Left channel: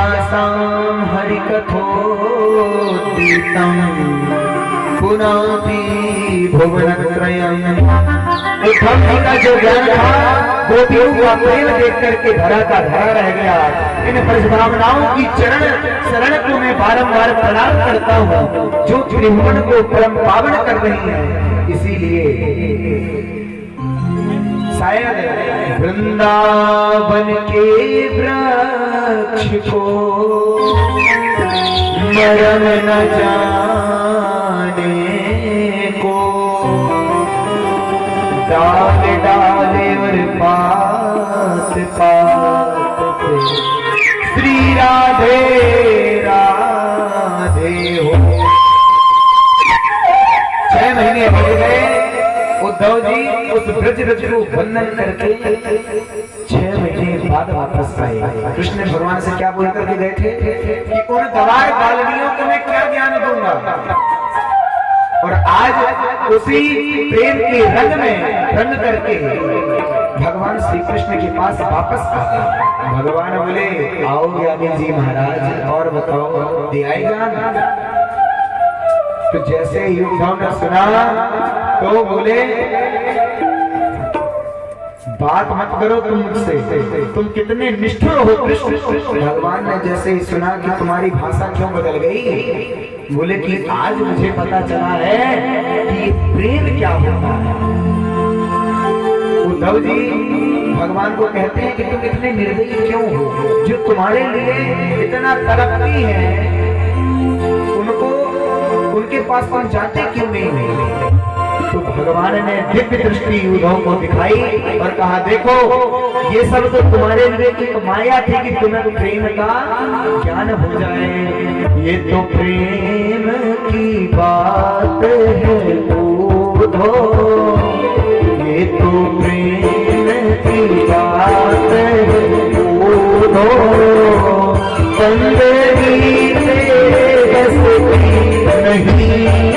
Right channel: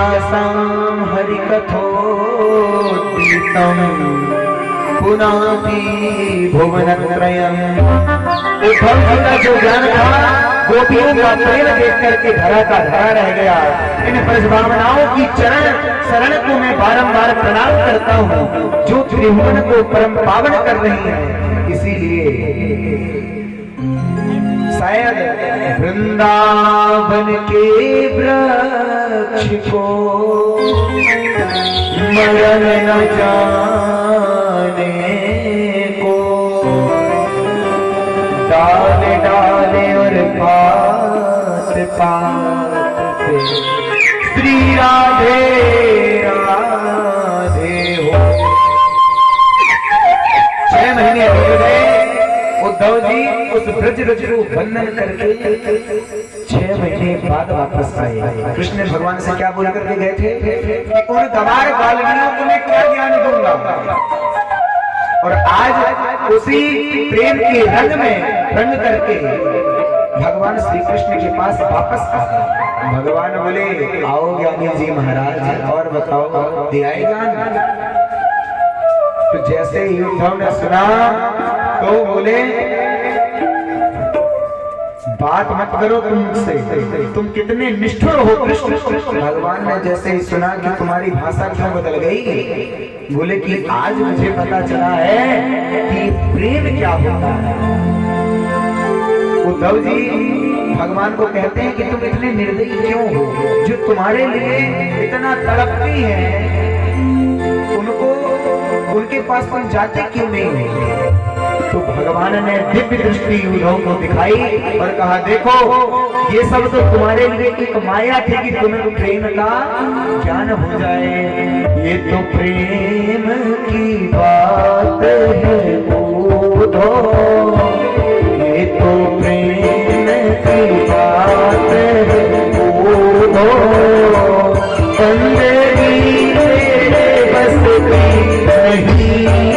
व्यासं हरिकथोद्दीपं पुनाति भुवनत्रयम्। उद्धव जी का जो ज्ञान था गोपियों का प्रेम देख करके धरा का धरा रह गया। इन ब्रजभावनाओं की चरण शरण को मैं बारंबार प्रणाम करता हूँ जो त्रिभुवन को परम पावन कर रही है। इसीलिए शायद वृंदावन के वृक्ष को मरण न जाने को, डाले डाले और पात पात पे श्री राधे राधे हो। 6 महीने हो गए उद्धव जी उस ब्रज रज को वंदन करके 6 महीने बाद वापस आए। कृष्ण भगवान से क्या बोल करके गए थे कि उन गवार बालवियों को मैं क्या ज्ञान दूंगा। और आज उसी प्रेम के रंग में रंग करके भगवान श्री कृष्ण के पास वापस आए। भगवान बोले आओ ज्ञानी जी महाराज और बताओ दे आए ज्ञान। तो जैसे ही उद्धव ने सुना तो बोले बात मत करो तुमसे, तुम कितने निष्ठुर हो कृष्ण। भगवान ने जैसे ही सुना कि तुम्हारी भाषा क्यों बदल गई, बोले कि आज मुझे पता चला है कि प्रेम क्या होता है। उद्धव जी भगवान को कहते हैं कि तुम इतने निर्दयी क्यों हो, जो तुम्हारे लिए इतना तड़पती है उनको उनके पास तुम जाते क्यों नहीं हो। तो भगवान ने दिव्य दृष्टि उद्धव को दिखाई और कहा देखो ये सब तो तुम्हारे लिए एक माया थी कि तुम्हें प्रेम का ज्ञान हो जाए। ये तो प्रेम की बात है उद्धव, ये तो प्रेम की बात है उद्धव। जिंदगी में बसती नहीं है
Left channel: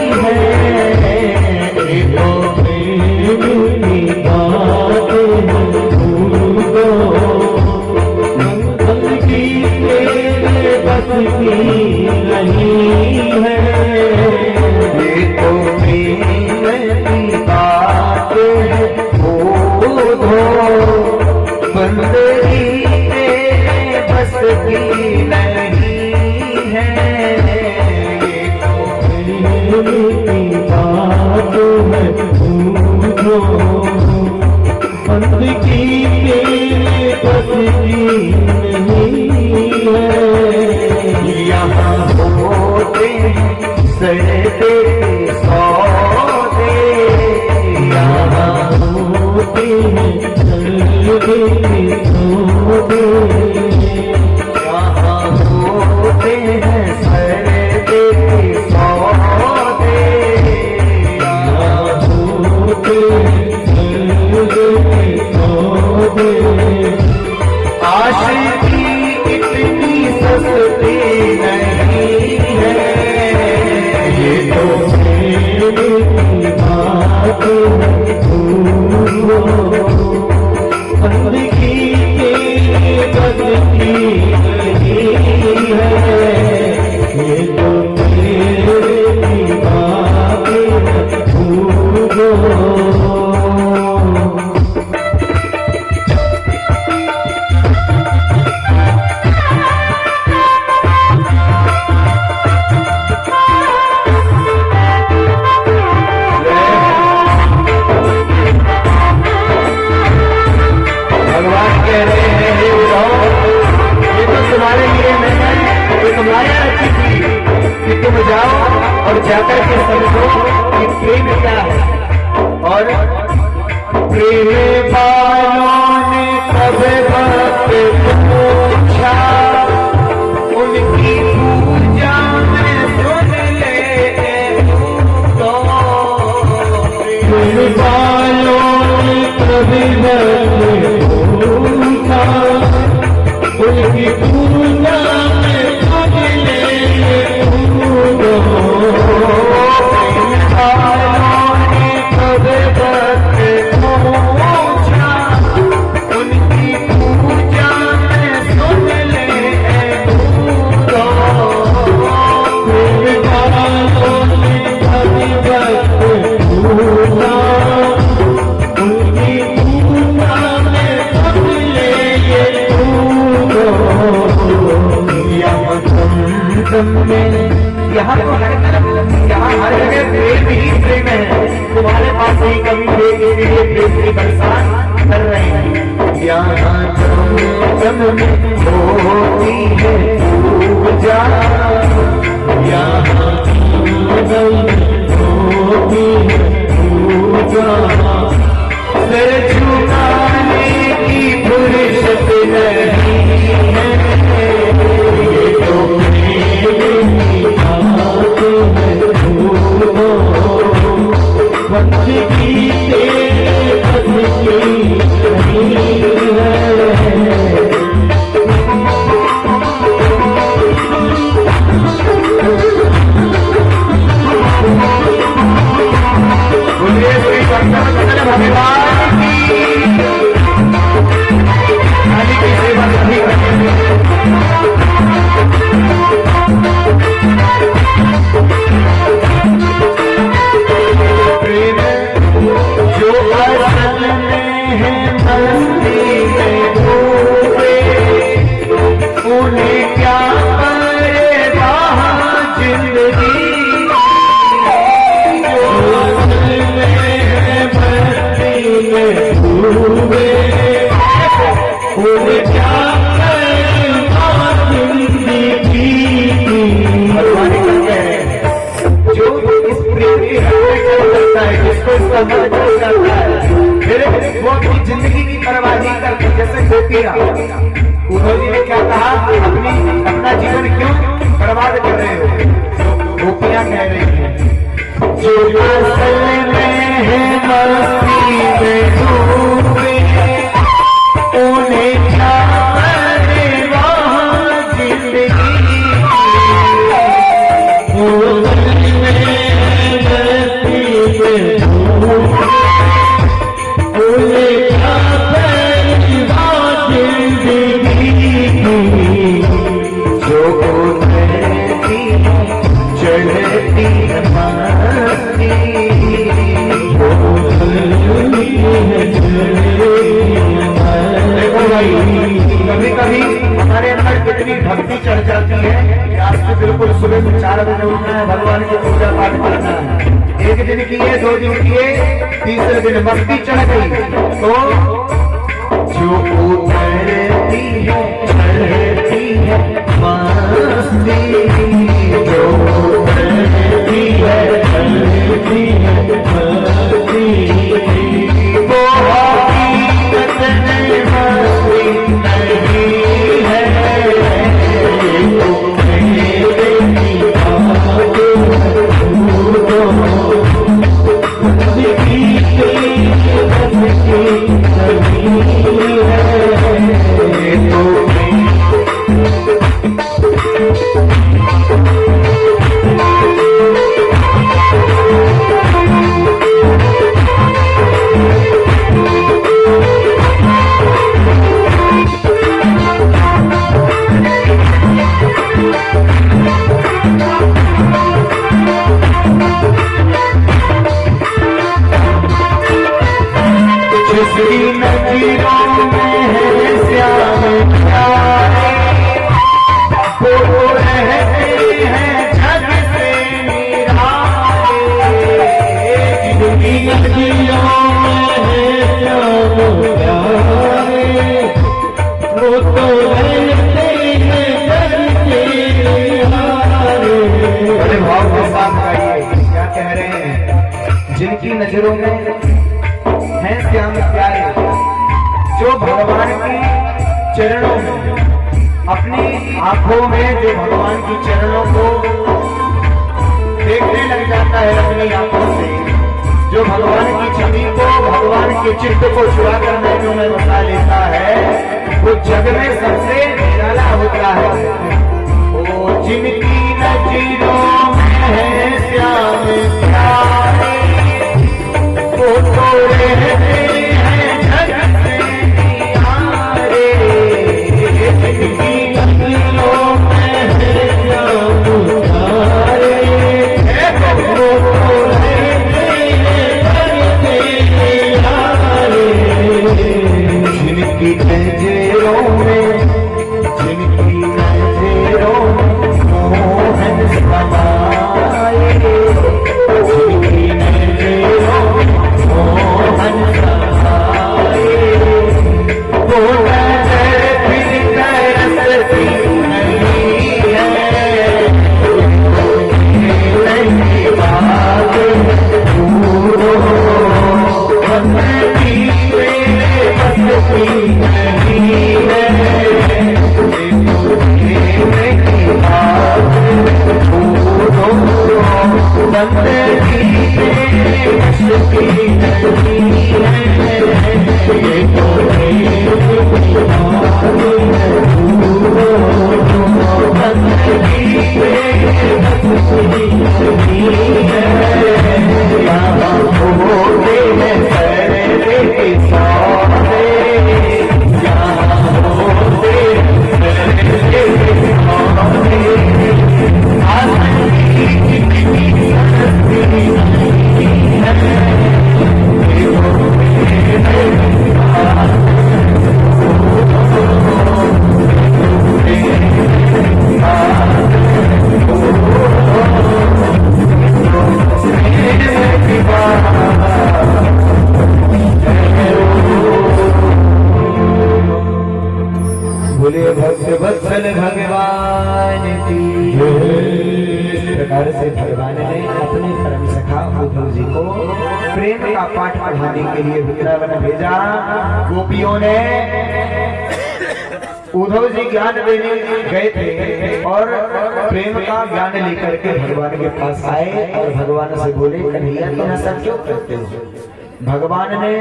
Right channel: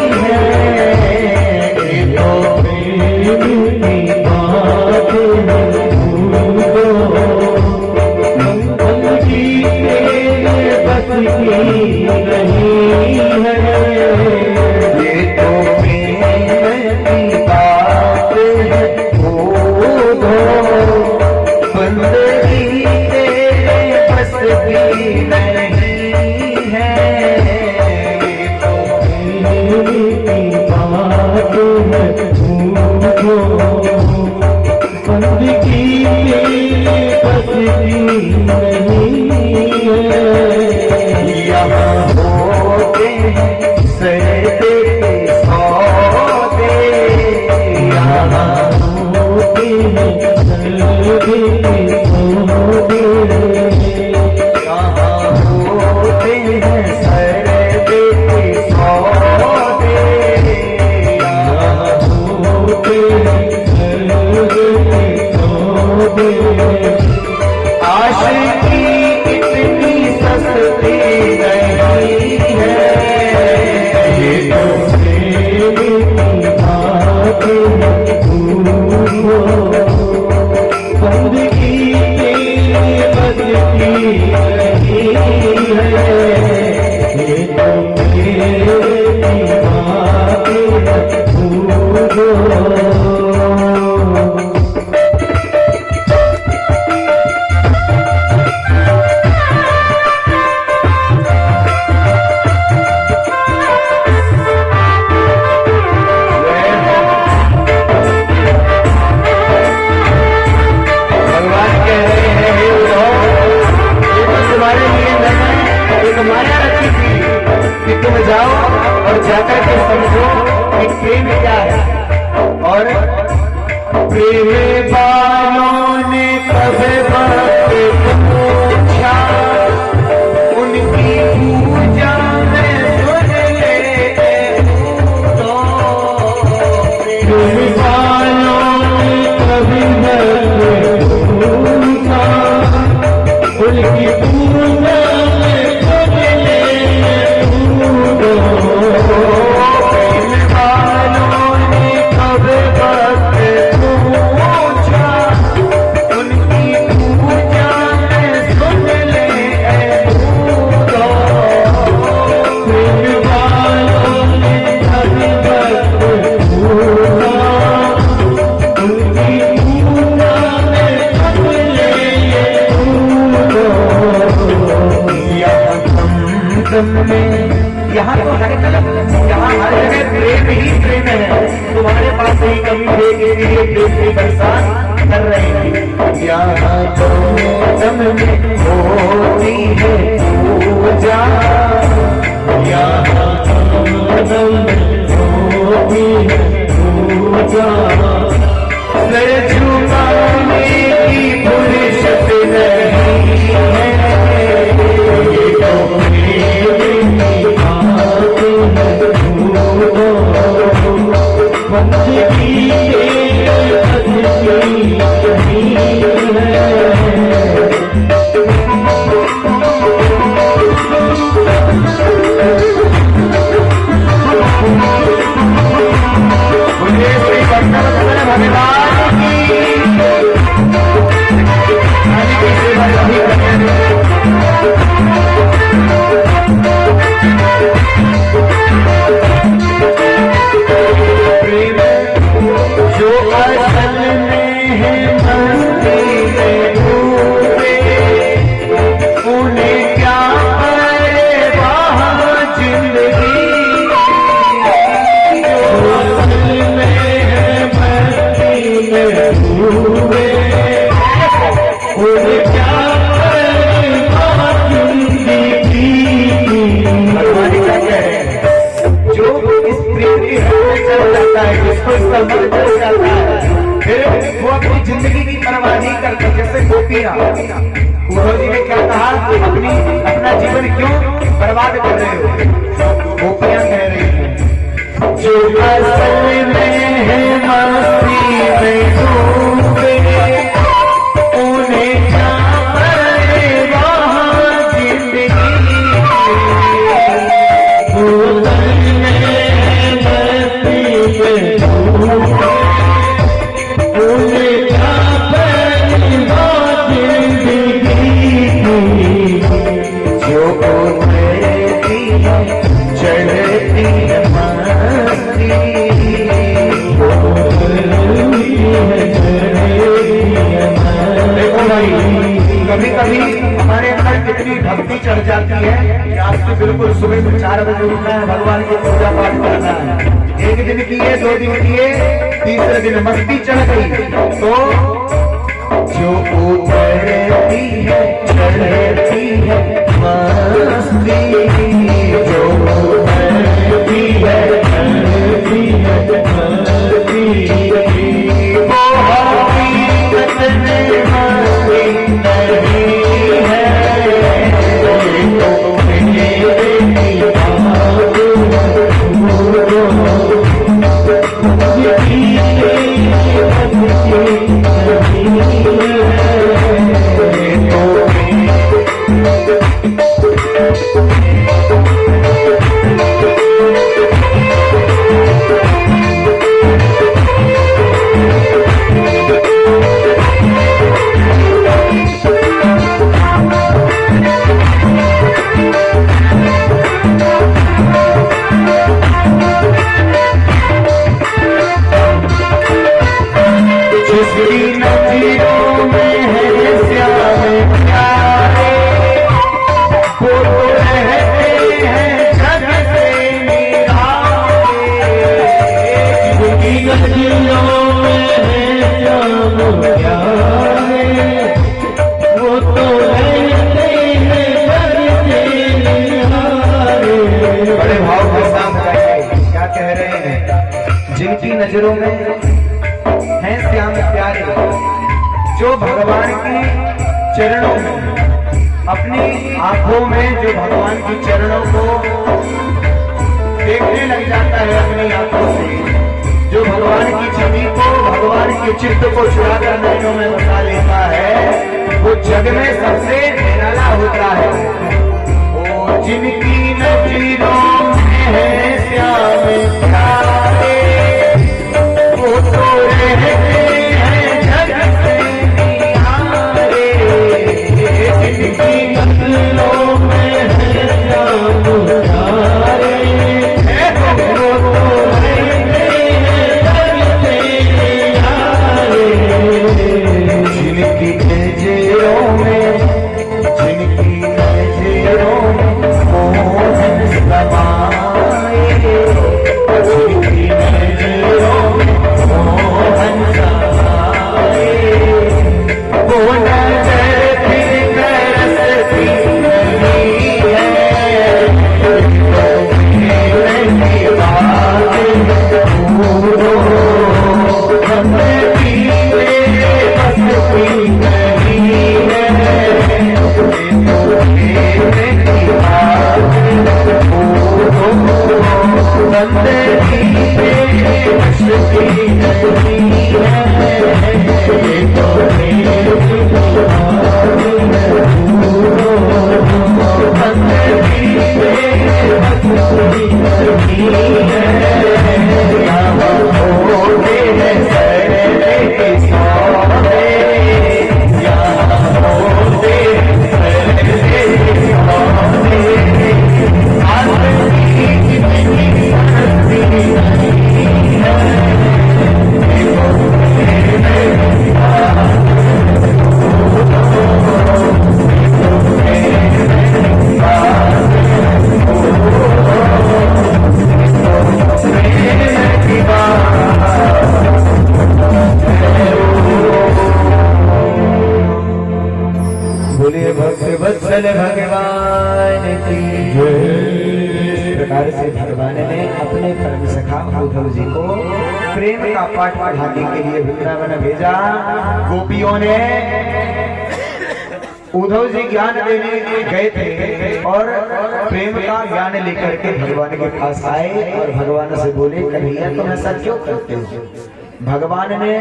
यहाँ दम में, यहाँ तो हर यहाँ हर जगह प्रेम ही प्रेम है। तुम्हारे पास कोई कमी हो इसलिए प्रेम की बरसात कर रहे हैं। यहाँ दम में होती है पूजा, यहाँ दम होती है पूजा, सिर झुकाने की फुर्सत नहीं है। फिर वो अपनी जिंदगी की परवाह नहीं करती। जैसे गोपियां, जी ने क्या कहा, अपना जीवन क्यों बर्बाद कर रहे हो? गोपियां कह रही है जो असल में है मस्ती में डूबे, उन्हें क्या कभी कभी हमारे अंदर कितनी भक्ति चढ़ जाती है कि आज से बिल्कुल सुबह 4 बजे उठना है, भगवान की पूजा पाठ करना है। एक दिन की है, 2 दिन की है, तीसरे दिन मस्ती चढ़ गई तो जो उतरती है चढ़ती है मस्ती, जो उतरती है चढ़ती है मस्ती, जिनकी नजरों में हैं श्याम प्यारे, जो भगवान की चरणों में, अपनी आंखों में जो भगवान की चरणों को देखने लग जाता है अपनी आंखों से, जो भगवान की छवि को, भगवान के चित्त को चुरा कर नैनों में बसा लेता है, वो जग में सबसे निराला होता है। वो जिनकी नजरों में है श्याम प्यारे, वो तो रहते हैं जग से किनारे, जिनकी नजरों में है श्याम प्यारे, वो तो रहते हैं जग से किनारे, जिनकी नजरों में, जिनकी वत्सल भगवान की इस प्रकार से भगवान ने अपने परम सखा उद्धव जी को प्रेम का पाठ पढ़ाने के लिए वृंदावन भेजा। गोपियों ने उद्धव जी ज्ञान देने गए थे और प्रेम का ज्ञान लेकर के भगवान के पास आए और भगवान से बोले, कन्हैया तुम ऐसा क्यों करते हो? भगवान ने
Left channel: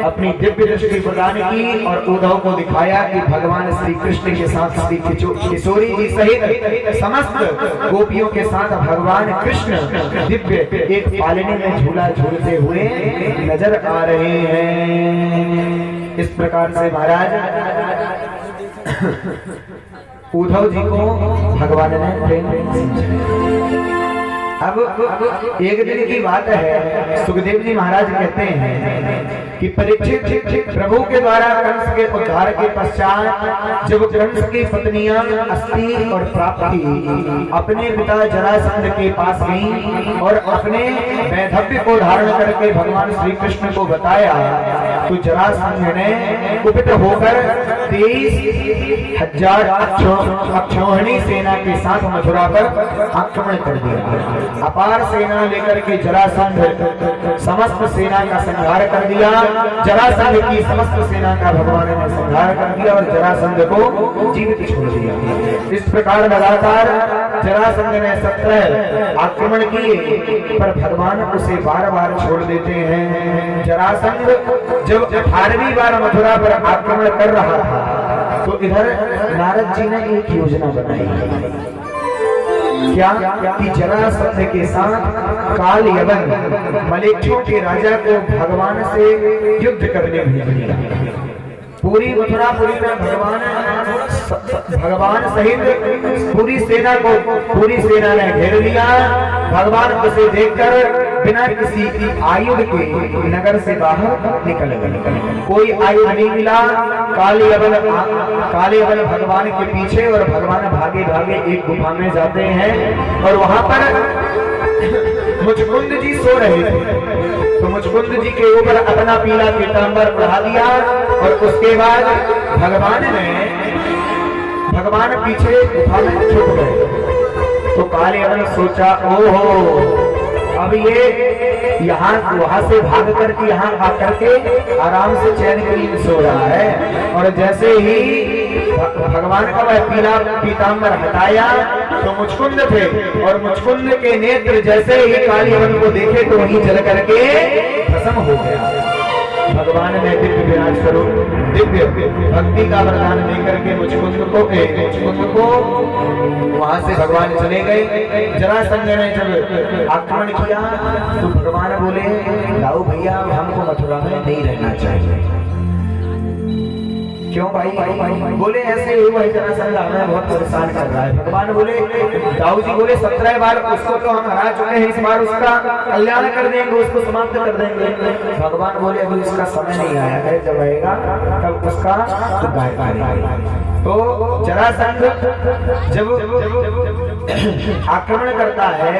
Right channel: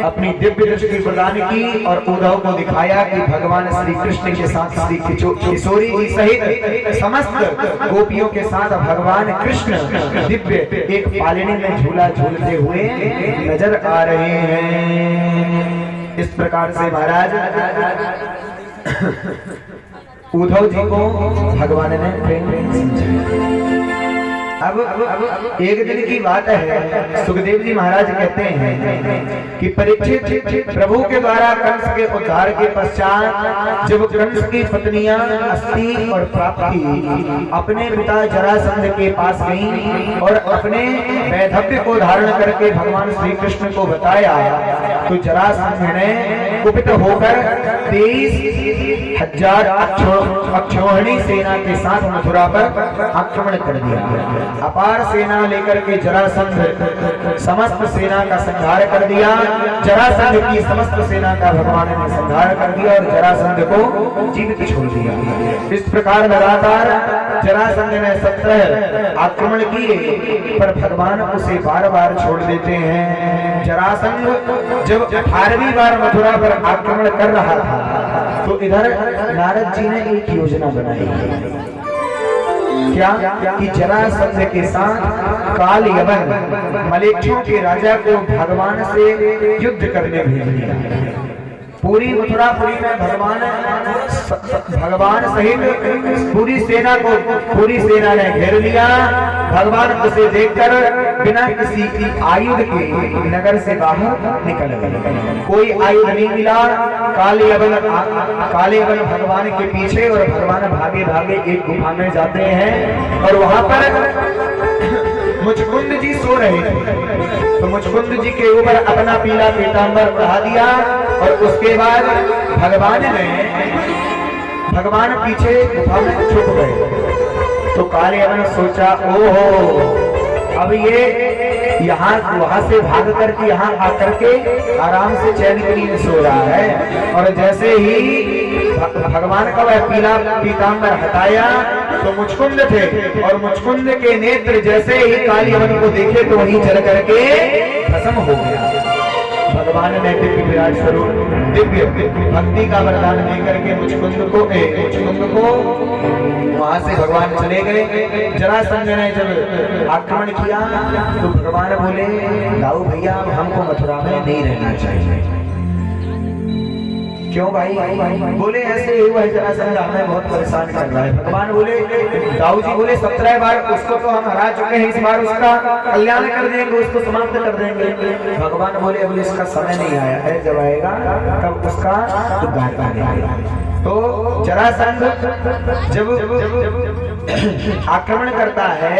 अपनी दिव्य दृष्टि प्रदान की और उद्धव को दिखाया कि भगवान श्री कृष्ण के साथ श्री किशोरी जी सहित समस्त गोपियों के साथ भगवान कृष्ण दिव्य एक पालने में झूला झूलते हुए नजर आ रहे हैं। इस प्रकार से महाराज उद्धव जी को भगवान ने प्रेम समझा। अब एक दिन की बात है, सुखदेव जी महाराज कहते हैं कि परीक्षित प्रभु के द्वारा कंस के उद्धार के पश्चात जब कंस की पत्नियां अस्ति और प्राप्ति अपने पिता जरासंध के पास गईं और अपने वैधव्य को धारण करके भगवान श्री कृष्ण को बताया, तो जरासंध ने कुपित होकर 23,000 अक्षौहिणी सेना के साथ मथुरा पर आक्रमण कर दिया। अपार सेना लेकर के जरासंध समस्त सेना का संहार कर दिया। जरासंध की समस्त सेना का भगवान ने संहार कर दिया और जरासंध को जीवित छोड़ दिया। इस प्रकार लगातार जरासंध ने 17 आक्रमण किए पर भगवान उसे बार बार छोड़ देते हैं। जरासंध जब 18वीं बार मथुरा पर आक्रमण कर रहा था तो इधर नारद जी ने एक योजना बनाई। क्या कि जरासंध के साथ काल यवन मलेच्छों के राजा को भगवान से युद्ध करने भेज दिया। पूरी मथुरापुरी में भगवान सहित पूरी सेना ने घेर लिया। भगवान उसे देखकर बिना किसी आयुध के नगर से बाहर निकल गए। कोई आयुध नहीं मिला। काले यवन भगवान के पीछे और भगवान भागे भागे एक गुफा में जाते हैं और वहां पर मुचकुंद जी सो रहे थे। तो मुचकुंद जी के ऊपर अपना पीला पीतांबर बढ़ा दिया और उसके बाद भगवान पीछे गुफा में छुप गए। तो काले यवन सोचा, ओहो अब ये वहां से भाग करके यहाँ आकर के आराम से चैन के लिए सो रहा है। और जैसे ही भगवान का वह पीला पीतांबर हटाया तो मुचकुंद थे और मुचकुंद के नेत्र जैसे ही काले यवन को देखे तो वही जल करके भस्म हो गया। भगवान ने दिव्य विराट स्वरूप दिव्य भक्ति का वरदान देकर के मुचकुंद को वहां से भगवान चले गए। जरासंध ने जब आक्रमण किया तो भगवान बोले, लाओ भैया हमको मथुरा में नहीं रहना चाहिए। क्यों भाई? बोले ऐसे हुआ है, जरासंध हमें बहुत परेशान कर रहा है। भगवान बोले, दाऊ जी बोले 17 बार उसको तो हम हरा चुके हैं, इस बार उसका कल्याण कर देंगे, उसको समाप्त कर देंगे। भगवान बोले अभी इसका समय नहीं आया है, जब आएगा तब उसका तो तो जरासंध जब आक्रमण करता है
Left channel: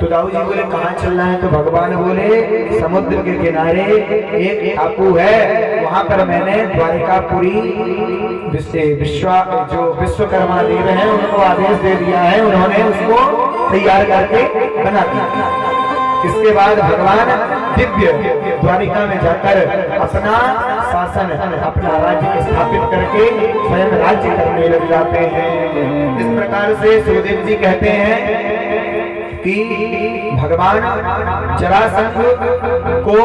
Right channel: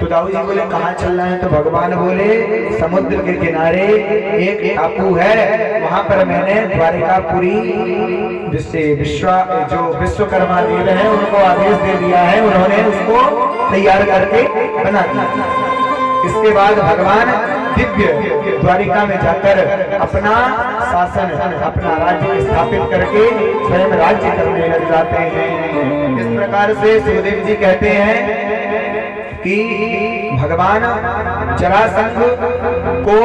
तो दाऊ जी बोले कहाँ चलना है? तो भगवान बोले समुद्र के किनारे एक टापू है, वहां पर मैंने द्वारिकापुरी जो विश्वकर्मा देव है उनको आदेश दे दिया है, उन्होंने उसको तैयार करके बना दिया। इसके बाद भगवान दिव्य द्वारिका में जाकर अपना शासन, अपना राज्य स्थापित करके स्वयं राज्य करने लग जाते हैं। इस प्रकार से सुखदेव जी कहते हैं कि भगवान जरासंध को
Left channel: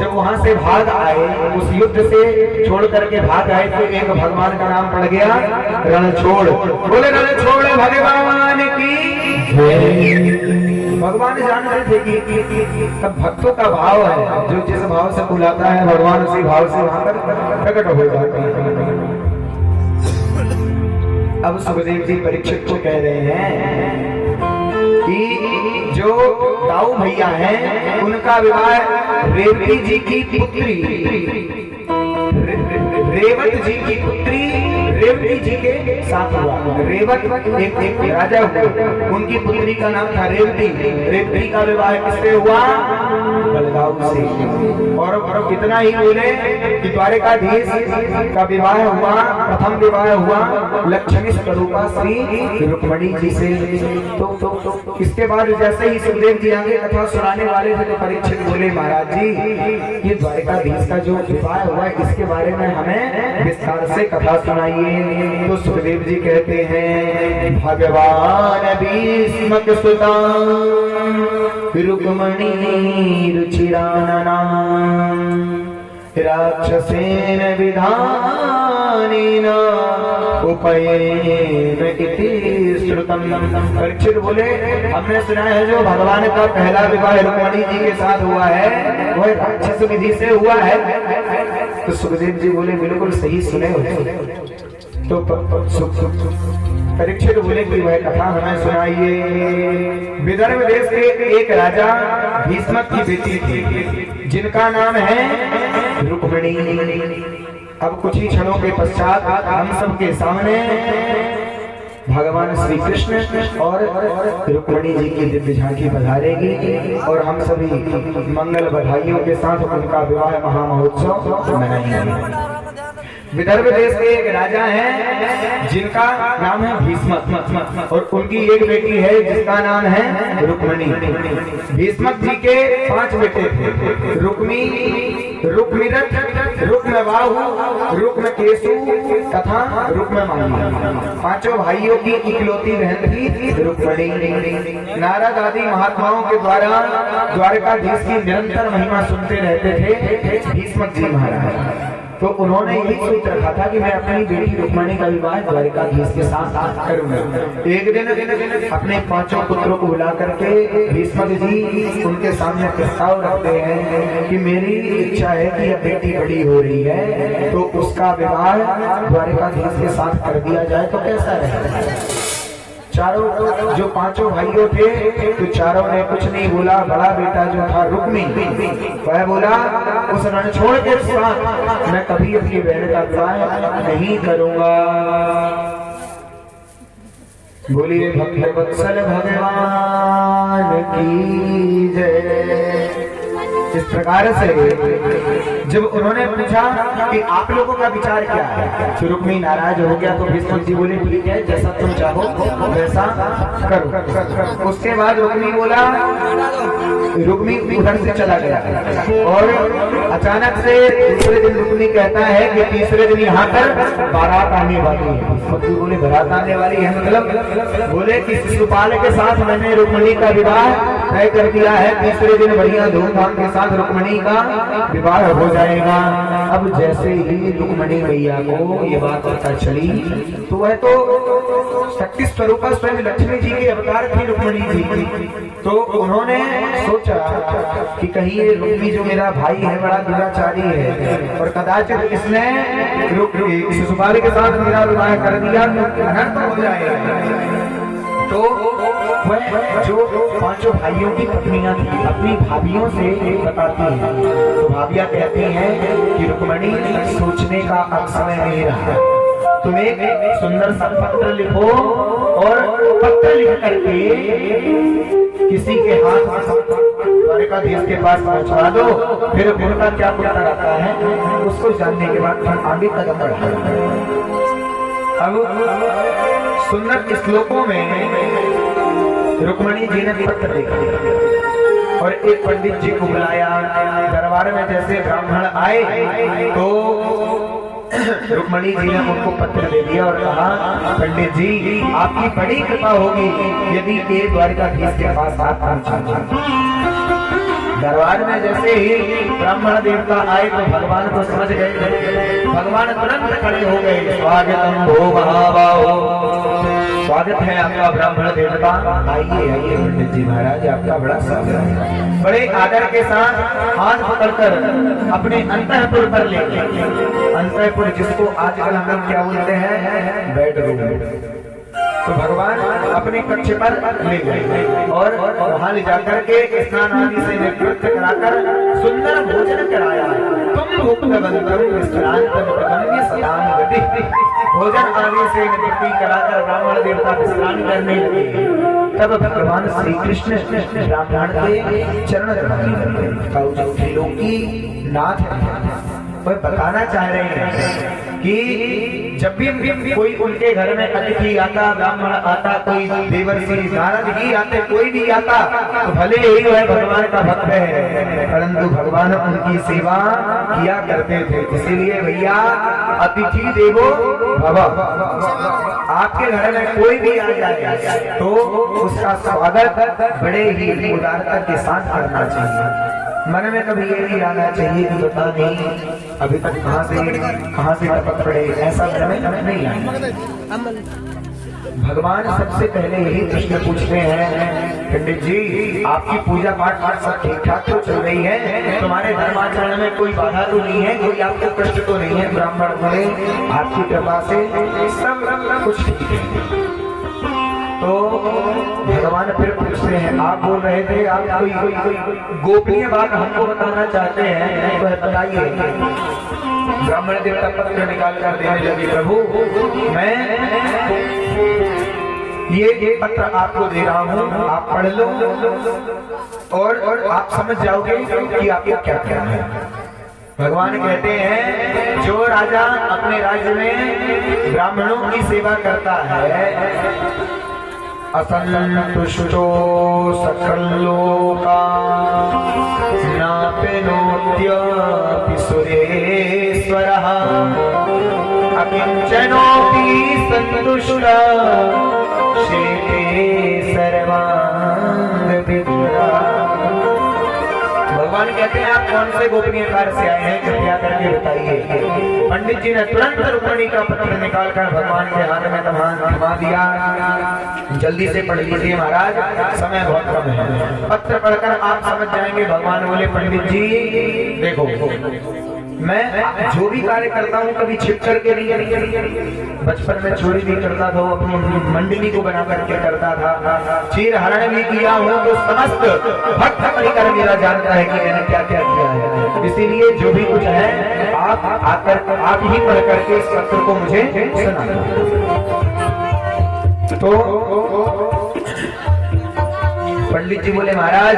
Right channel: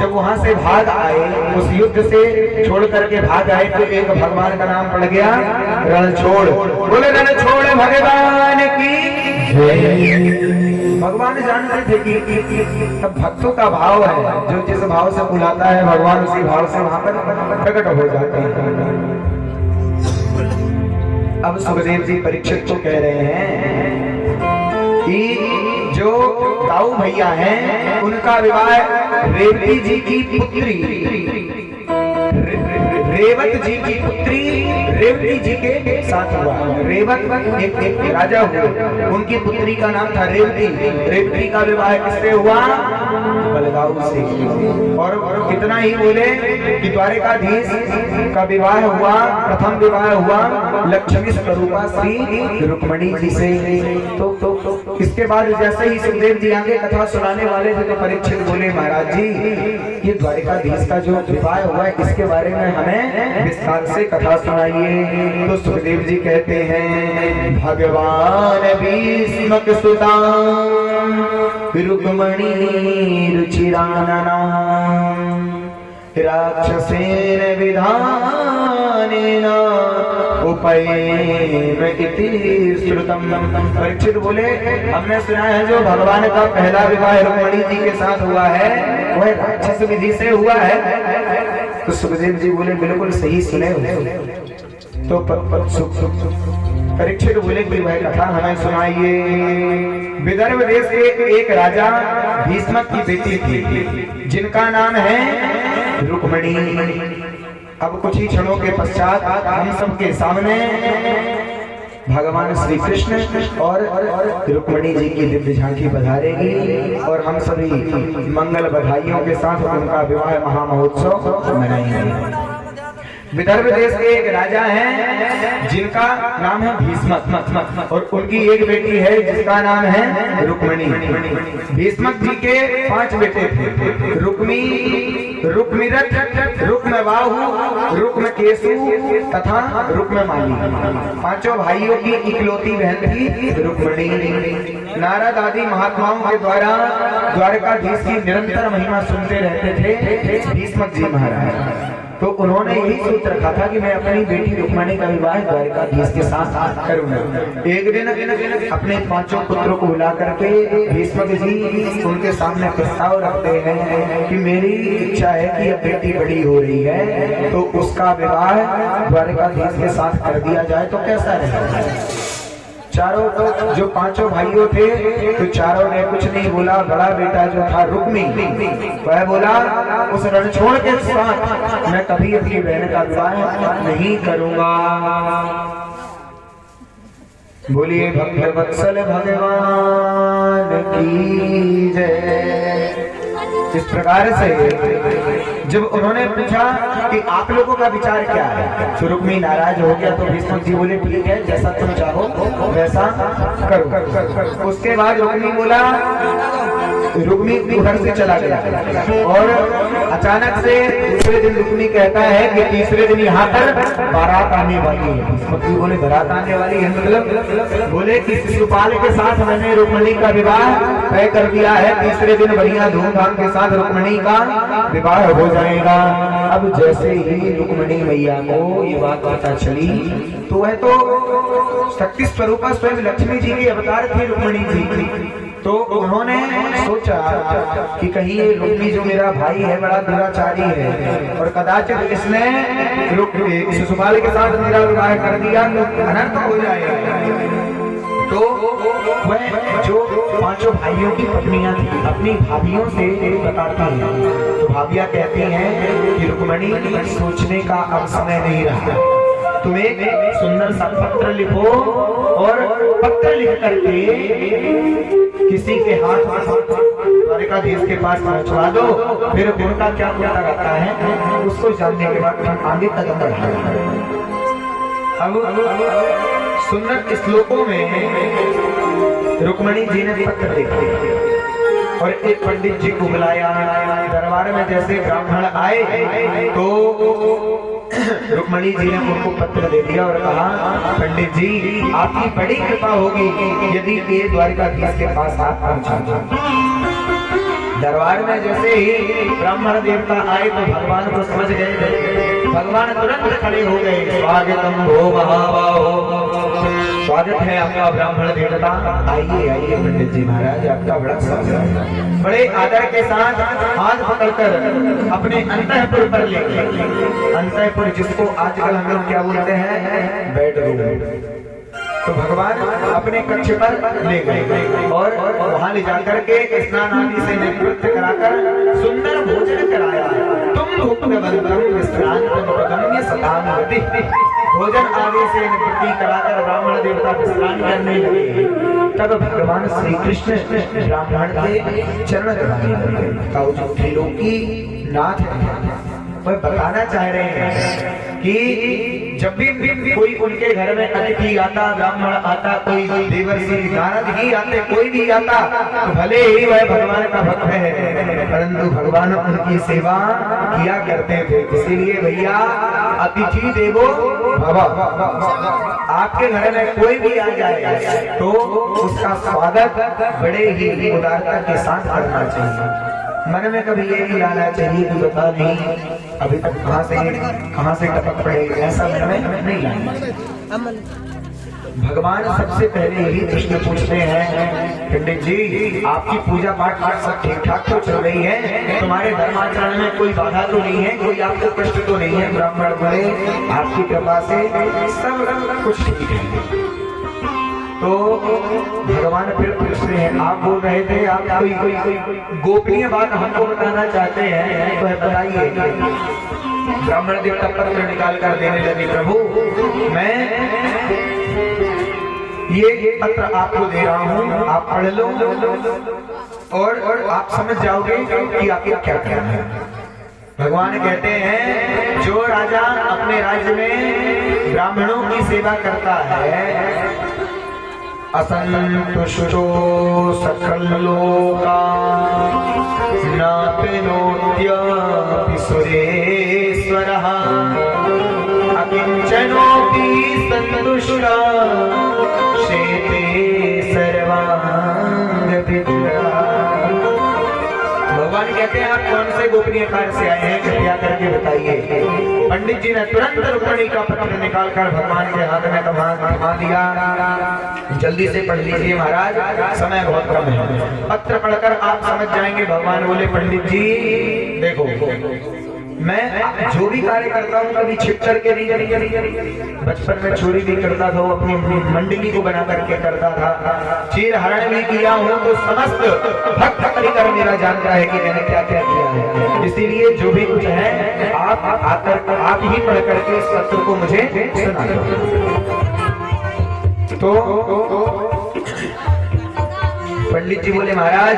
जब वहां से भाग आए, उस युद्ध से छोड़ करके भाग आए, तो एक भगवान का नाम पड़ गया रणछोड़। बोले रणछोड़ भगवान की। भगवान जानते थे कि तब भक्तों का भाव है, जो जिस भाव से बुलाता है भगवान उसी भाव से वहां पर प्रकट हो जाते हैं। अब सुखदेव जी परीक्षित को कह रहे हैं कि जो ताऊ भैया हैं उनका विवाह रेवती जी की पुत्री, रेवत जी की पुत्री रेवती जी के साथ हुआ। रेवत एक राजा हुआ, उनकी पुत्री का नाम था रेवती। रेवती का विवाह किससे हुआ? बलगाऊ से। और कितना ही बोले कि द्वारिकाधीश का विवाह हुआ, प्रथम विवाह हुआ लक्ष्मी स्वरूपा श्री रुक्मणी जी से। तो इसके बाद जैसे ही सुखदेव जी आगे कथा सुनाने वाले थे, तो परीक्षित बोले महाराज जी, ये द्वारिकाधीश का जो विवाह हुआ है इसके बारे में हमें विस्तार से कथा सुनाइए। तो सुखदेव जी कहते हैं, भगवान भीष्म सुता रुक्मणी रुचिरानना राक्षसेन विधानेन उपयेम इति श्रुतम्। परीक्षित बोले, हमने सुना है जो भगवान का पहला विवाह रुक्मणी जी के साथ हुआ है वह राक्षस विधि से हुआ है। तो सुखदेव जी बोले बिल्कुल सही सुने हो। तो परीक्षित बोले कोई वह कथा हमें सुनाइए। विदर्भ देश के एक राजा भीष्म की बेटी थी जिनका नाम है रुक्मणी। अब कुछ ही क्षणों के पश्चात हम सबके सामने भगवान श्री कृष्ण और रुक्मणी जी की दिव्य झांकी पधारेगी और हम सभी मंगल बधाइयों के साथ उनका विवाह महामहोत्सव मनाएंगे। विदर्भ देश के एक राजा हैं जिनका नाम है भीष्म और उनकी एक बेटी है जिसका नाम है रुक्मणी। भीष्म जी के 5 बेटे थे, रुक्मी, रुक्मिरथ, रुक्मबाहु, रुक्मकेशु तथा रुक्ममाली। 5 भाइयों की इकलौती बहन थी रुक्मणी। नारद आदि महात्माओं के द्वारा द्वारकाधीश की निरंतर महिमा सुनते रहते थे भीष्म जी महाराज। तो उन्होंने यही सोच रखा था कि मैं अपनी बेटी रुक्मणी का विवाह द्वारिकाधीश के साथ करूंगा। एक दिन अपने 5 पुत्रों को बुला करके भीष्म जी उनके सामने प्रस्ताव रखते हैं कि मेरी इच्छा है कि अब बेटी बड़ी हो रही है तो उसका विवाह द्वारिकाधीश के साथ कर दिया जाए तो कैसा रहेगा। चारों जो 5 भाइयों थे तो चारों ने कुछ नहीं बोला। बड़ा बेटा जो था रुक्मी वह बोला उस रणछोड़ के साथ मैं कभी अपनी बहन का विवाह नहीं करूंगा। बोलिए भक्त वत्सल भगवान की जय। इस प्रकार से जब उन्होंने पूछा कि आप लोगों का विचार क्या है, तो रुक्मी नाराज हो गया। तो भीष्म जी बोले ठीक है, जैसा तुम चाहो वैसा करो। उसके बाद रुक्मी बोला, रुक्मी उधर से चला गया और अचानक से दूसरे दिन रुक्मी कहता है कि तीसरे दिन यहाँ पर बारात आने वाली है। भीष्म बोले बारात आने वाली है मतलब? बोले कि शिशुपाल के साथ मैंने रुक्मणी का विवाह तय कर दिया है, तीसरे दिन बढ़िया धूमधाम के साथ रुक्मणी का विवाह हो जाएगा। अब जैसे ही रुक्मणी मैया को ये बात पता चली तो वह तो शक्ति स्वरूप स्वयं लक्ष्मी जी के अवतार थे रुक्मणी जी। तो उन्होंने सोचा कि कहीं ये रुक्मी जो मेरा भाई है बड़ा दुराचारी है और कदाचित इसने शिशुपाल के साथ मेरा विवाह कर दिया तो अनर्थ हो जाएगा। तो वह जो 5 भाइयों की पत्नियां थी अपनी भाभियों से बताती हैं। तो भाभियां कहती हैं कि रुक्मणी सोचने का अब समय नहीं रहा, तुम एक सुंदर सा पत्र लिखो और पत्र लिख करके किसी के हाथ द्वारिकाधीश के पास पहुंचवा दो। फिर उनका क्या पता रहता है उसको जानने के बाद हम आगे कदम बढ़ाएंगे। अब सुंदर श्लोकों में रुक्मणी जी ने पत्र लिखा और एक पंडित जी को बुलाया। दरबार में जैसे ब्राह्मण आए तो रुक्मणी जी ने उनको पत्र दे दिया और कहा, पंडित जी आपकी बड़ी कृपा होगी यदि एक द्वारकाधीश के पास आप पहुंचा। दरबार में जैसे ही ब्राह्मण देवता आए तो भगवान को समझ गए। भगवान तुरंत खड़े हो गए। स्वागतम भो महाबाहो, स्वागत है आपका ब्राह्मण देवता, आइए आइए पंडित जी महाराज, आपका बड़ा स्वागत है। बड़े आदर के साथ हाथ पकड़कर अपने अंतःपुर पर ले गए। अंतःपुर जिसको आजकल हम लोग क्या बोलते हैं, बेडरूम। तो भगवान अपने कक्ष पर ले गए और वहां ले जाकर के स्नान आदि से निवृत्त कराकर सुंदर भोजन कराया। तुम भोजन आदि से निवृत्ति कराकर ब्राह्मण देवता विश्राम करने लगे। तब भगवान श्री कृष्ण ब्राह्मण के चरण की नाथ तो बताना चाह रहे हैं कि जब भी कोई उनके घर में अतिथि आता, ब्राह्मण आता, कोई देवर्षि महाराज ही आते, कोई भी आता तो भले ही वह भगवान का भक्त है, परंतु भगवान उनकी सेवा किया करते थे। इसीलिए भैया अतिथि देवो भव, आपके घर में कोई भी आ जाए तो उसका स्वागत बड़े ही उदारता के साथ करना चाहिए। मन में कभी ये भी आना चाहिए कि पता नहीं अभी तक कहां से टपक पड़े, ऐसा मन में नहीं आना। भगवान सबसे पहले यही प्रश्न पूछते हैं, पंडित जी आपकी पूजा पाठ सब ठीक ठाक तो चल रही है, तुम्हारे धर्माचरण में कोई बाधा तो नहीं है, कोई आपको कष्ट तो नहीं है? ब्राह्मण बोले आपकी कृपा से सब कुछ ठीक है। तो भगवान फिर पूछते हैं, आप बोल रहे थे आप कोई गोपनीय बात हमको बताना चाहते हैं, तो बताइए। ब्राह्मण देवता पत्र निकाल कर देने लगे, प्रभु मैं ये पत्र आपको दे रहा हूँ, आप पढ़ लो और आप समझ जाओगे कि आपको क्या करना है। भगवान कहते हैं, जो राजा अपने राज्य में ब्राह्मणों की सेवा करता है, असंतुष्टो सकलोका नाप्नोत्यपि सुरेश्वरः अकिंचनोऽपि सन्तुष्टः शेते सर्वाङ्गविद्या। भगवान कहते हैं आप कौन से गोपनीय कार्य से आए हैं, कृपया करके बताइए। पंडित जी ने तुरंत रुक्मणी का पत्र निकालकर भगवान के हाथ में थमा दिया। जल्दी से पढ़ लीजिए महाराज, समय बहुत कम है। पत्र पढ़कर आप समझ जाएंगे। भगवान बोले, पंडित जी देखो मैं जो भी कार्य करता हूँ कभी छिप करके नहीं, बचपन में चोरी भी करता था, अपनी मंडली को बना करके करता था, चीर हरण भी किया हूँ, तो समस्त भक्त परिकर मेरा जानता है कि मैंने क्या क्या किया है। इसीलिए जो भी कुछ है आप आकर आप ही पढ़ करके इस पत्र को मुझे सुना दो। तो पंडित जी बोले, महाराज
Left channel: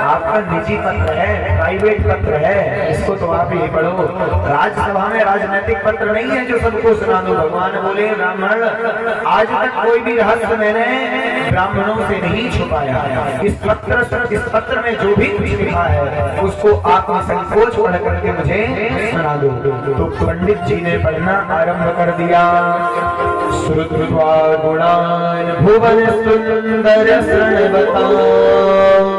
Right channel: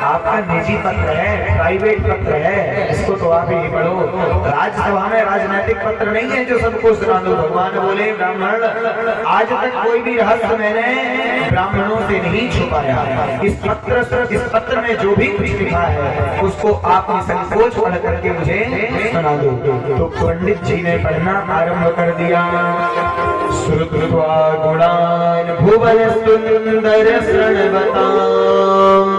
आपका निजी पत्र है, प्राइवेट पत्र है, इसको तो आप ही पढ़ो, राज्यसभा में राजनीतिक पत्र नहीं है जो सबको सुना दो। भगवान बोले, ब्राह्मण आज तक कोई भी रहस्य मैंने ब्राह्मणों से नहीं छुपाया। इस पत्र में जो भी कुछ लिखा है उसको आप निसंकोच पढ़ करके मुझे सुना दो। तो पंडित जी ने पढ़ना आरंभ कर दिया। श्रुत्वा गुणान् भुवन सुंदर शृण्वताम्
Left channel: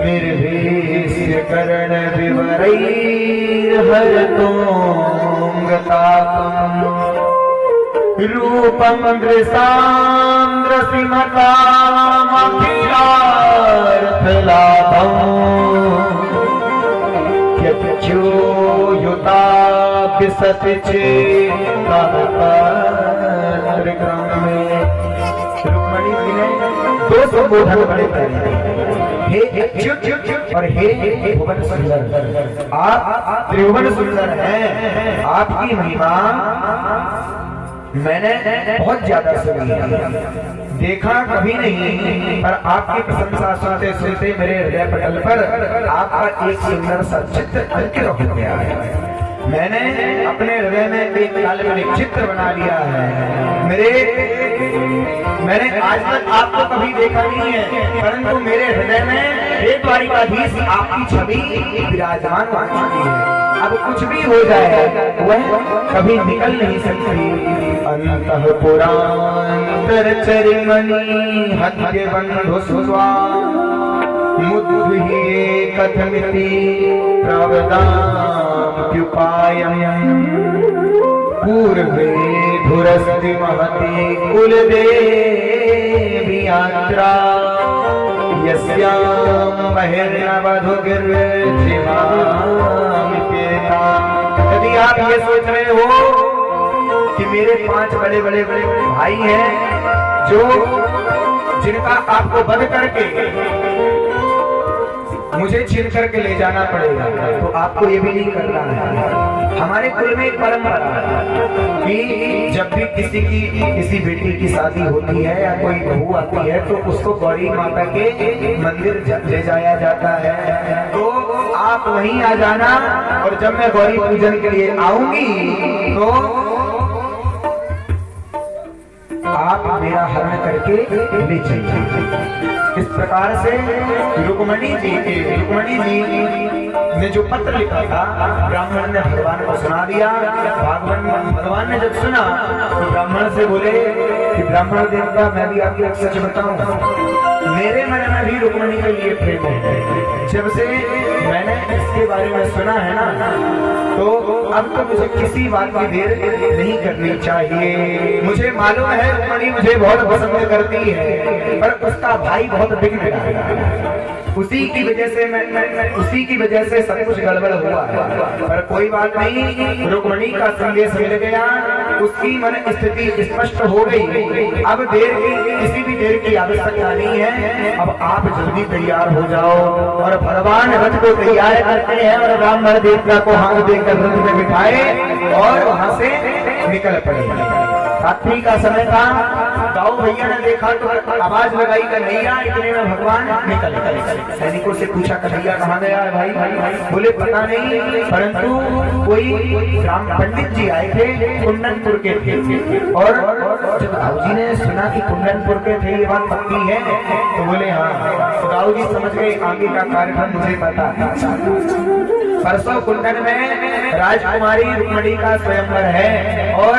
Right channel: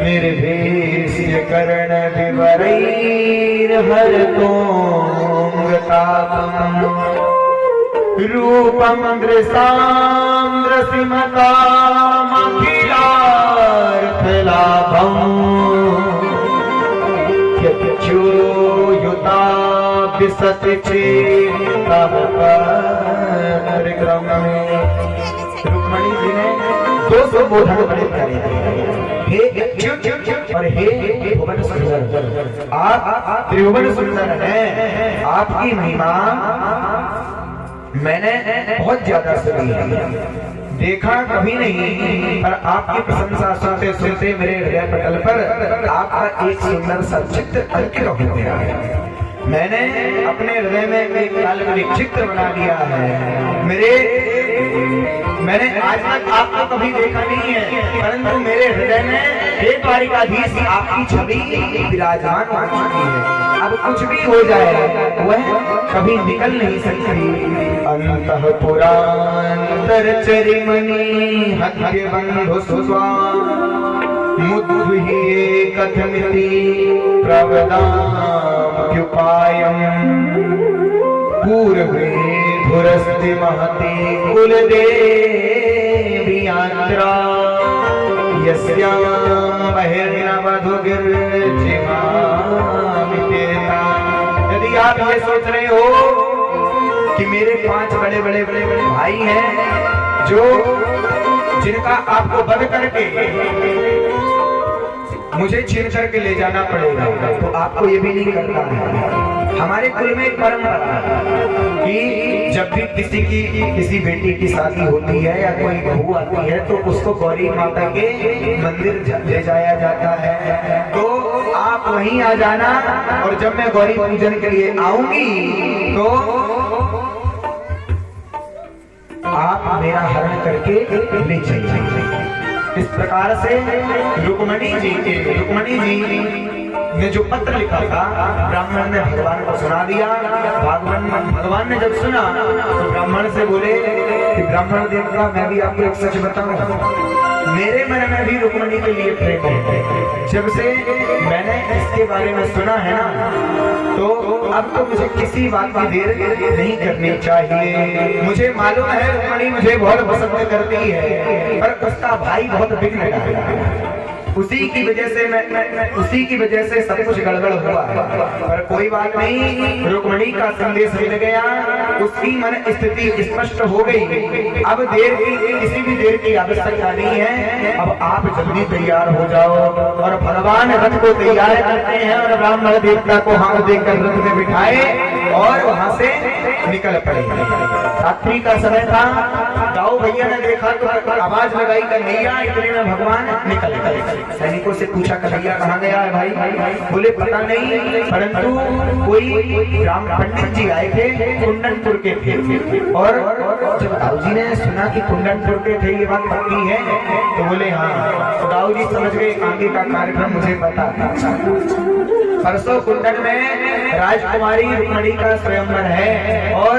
निर्भेष्य कर्ण विवरैर्हरतोऽङ्गतापम् रूपं दृशां रसिमतामखिलार्थलाभम् युता विसति रुक्मणी जी ने दो संबोधन बड़े प्यारे थे, हे अच्युत और हे भुवन सुंदर। आप त्रिभुवन सुंदर हैं, आपकी महिमा मैंने बहुत ज्यादा सुनी है, देखा कभी नहीं, पर आपकी प्रशंसा सुनते सुनते मेरे हृदय पटल पर आपका एक सुंदर सा चित्र अंकित हो गया है। मैंने अपने हृदय में एक काल्पनिक चित्र बना लिया है। मैंने आज तक आपको कभी देखा नहीं है, परंतु मेरे हृदय में एक द्वारिकाधीश आपकी छवि विराजमान हो चुकी है। अब कुछ भी हो जाए वह कभी निकल नहीं सकती। अंतःपुरांतर चरिमणि हत्य बंधु सुस्वा मुद्भिः कथमिति प्रवदाम्युपायम् पूर्वे धुरस्ति महति कुलदेवी यात्रा यस्यां बहिर्नवधुगिर्जिमामिपेता। यदि आप ये सोच रहे हो कि मेरे 5 बड़े बड़े बड़े बड़े भाई हैं जो जिनका आपको वध करके मुझे छीन करके ले जाना पड़ेगा, तो आपको ये भी नहीं करना है। हमारे कुल में एक परंपरा है कि जब भी किसी बेटी की शादी होती है या कोई बहू आती है तो उसको गौरी माता के मंदिर ले जाया जाता है। तो आप वहीं आ जाना और जब मैं गौरी पूजन के लिए आऊंगी तो आप मेरा हरण करके ले जाइए। इस प्रकार से रुक्मणी जी ने जो पत्र लिखा था ब्राह्मण ने भगवान को सुना दिया। भगवान ने जब सुना तो ब्राह्मण से बोले कि ब्राह्मण देवता, मैं भी आपको एक सच बताऊं, मेरे मन में भी रुक्मणी के लिए प्रेम है। जब से मैंने इसके बारे में सुना है ना, तो अब तो मुझे किसी बात की देर नहीं करनी चाहिए। मुझे मालूम है रुक्मणी मुझे बहुत पसंद करती है, पर उसका भाई बहुत विघ्न डाला। उसी की वजह से सब कुछ गड़बड़ हुआ। पर कोई बात नहीं, रुक्मणी का संदेश मिल गया, उसकी मन स्थिति स्पष्ट हो गई। अब किसी भी देर की आवश्यकता नहीं है। अब आप जल्दी तैयार हो जाओ और भगवान रथ को तैयार करते हैं और ब्राह्मण देवता को हाथ देकर रथ में बिठाए और वहां से निकल पड़े। रात्रि का समय था, गाँव भैया ने देखा तो आवाज लगाई कन्हैया, इतने में भगवान निकल गए। सैनिकों से पूछा कन्हैया कहाँ गया है भाई? बोले पता नहीं, परंतु कोई राम पंडित जी आए थे, कुंडनपुर के थे। और जब राव जी ने सुना कि कुंडनपुर के थे, ये बात पक्की है, तो बोले हाँ। तो राव जी समझ गए आगे का कार्यक्रम मुझे पता है। परसों कुंडन में राजकुमारी रुक्मणी का स्वयंवर है और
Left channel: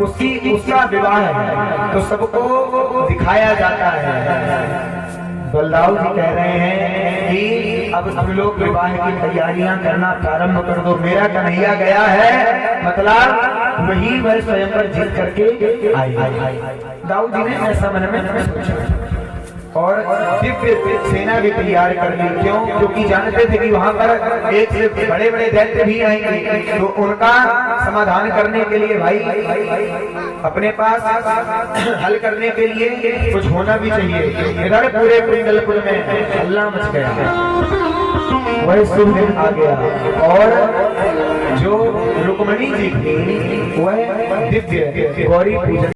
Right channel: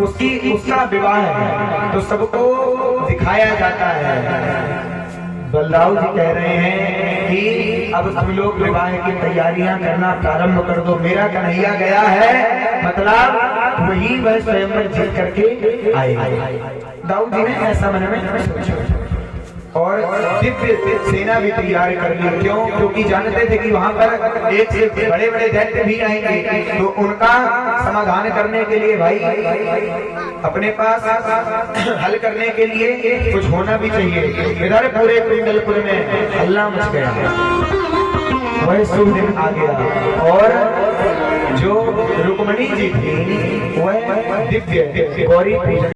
उसका विवाह है, तो सबको दिखाया जाता है। बलराव जी कह रहे हैं कि अब तुम लोग विवाह की तैयारियां करना प्रारंभ कर दो। मेरा कन्हैया गया है, मतलब वही वह स्वयंवर जीत करके आए। दाऊद जी ने ऐसा मन में सोचा और दिव्य सेना भी तैयार कर ली। क्यों? क्योंकि जानते थे कि वहां पर एक से बड़े बड़े दैत्य भी आएंगे, तो उनका समाधान करने के लिए भाई अपने पास हल करने के लिए कुछ होना भी चाहिए। इधर पूरे कुंडलपुर में हल्ला मच गया, वह शुभ दिन आ गया और जो रुक्मणी जी थी वह दिव्य गौरी पूजन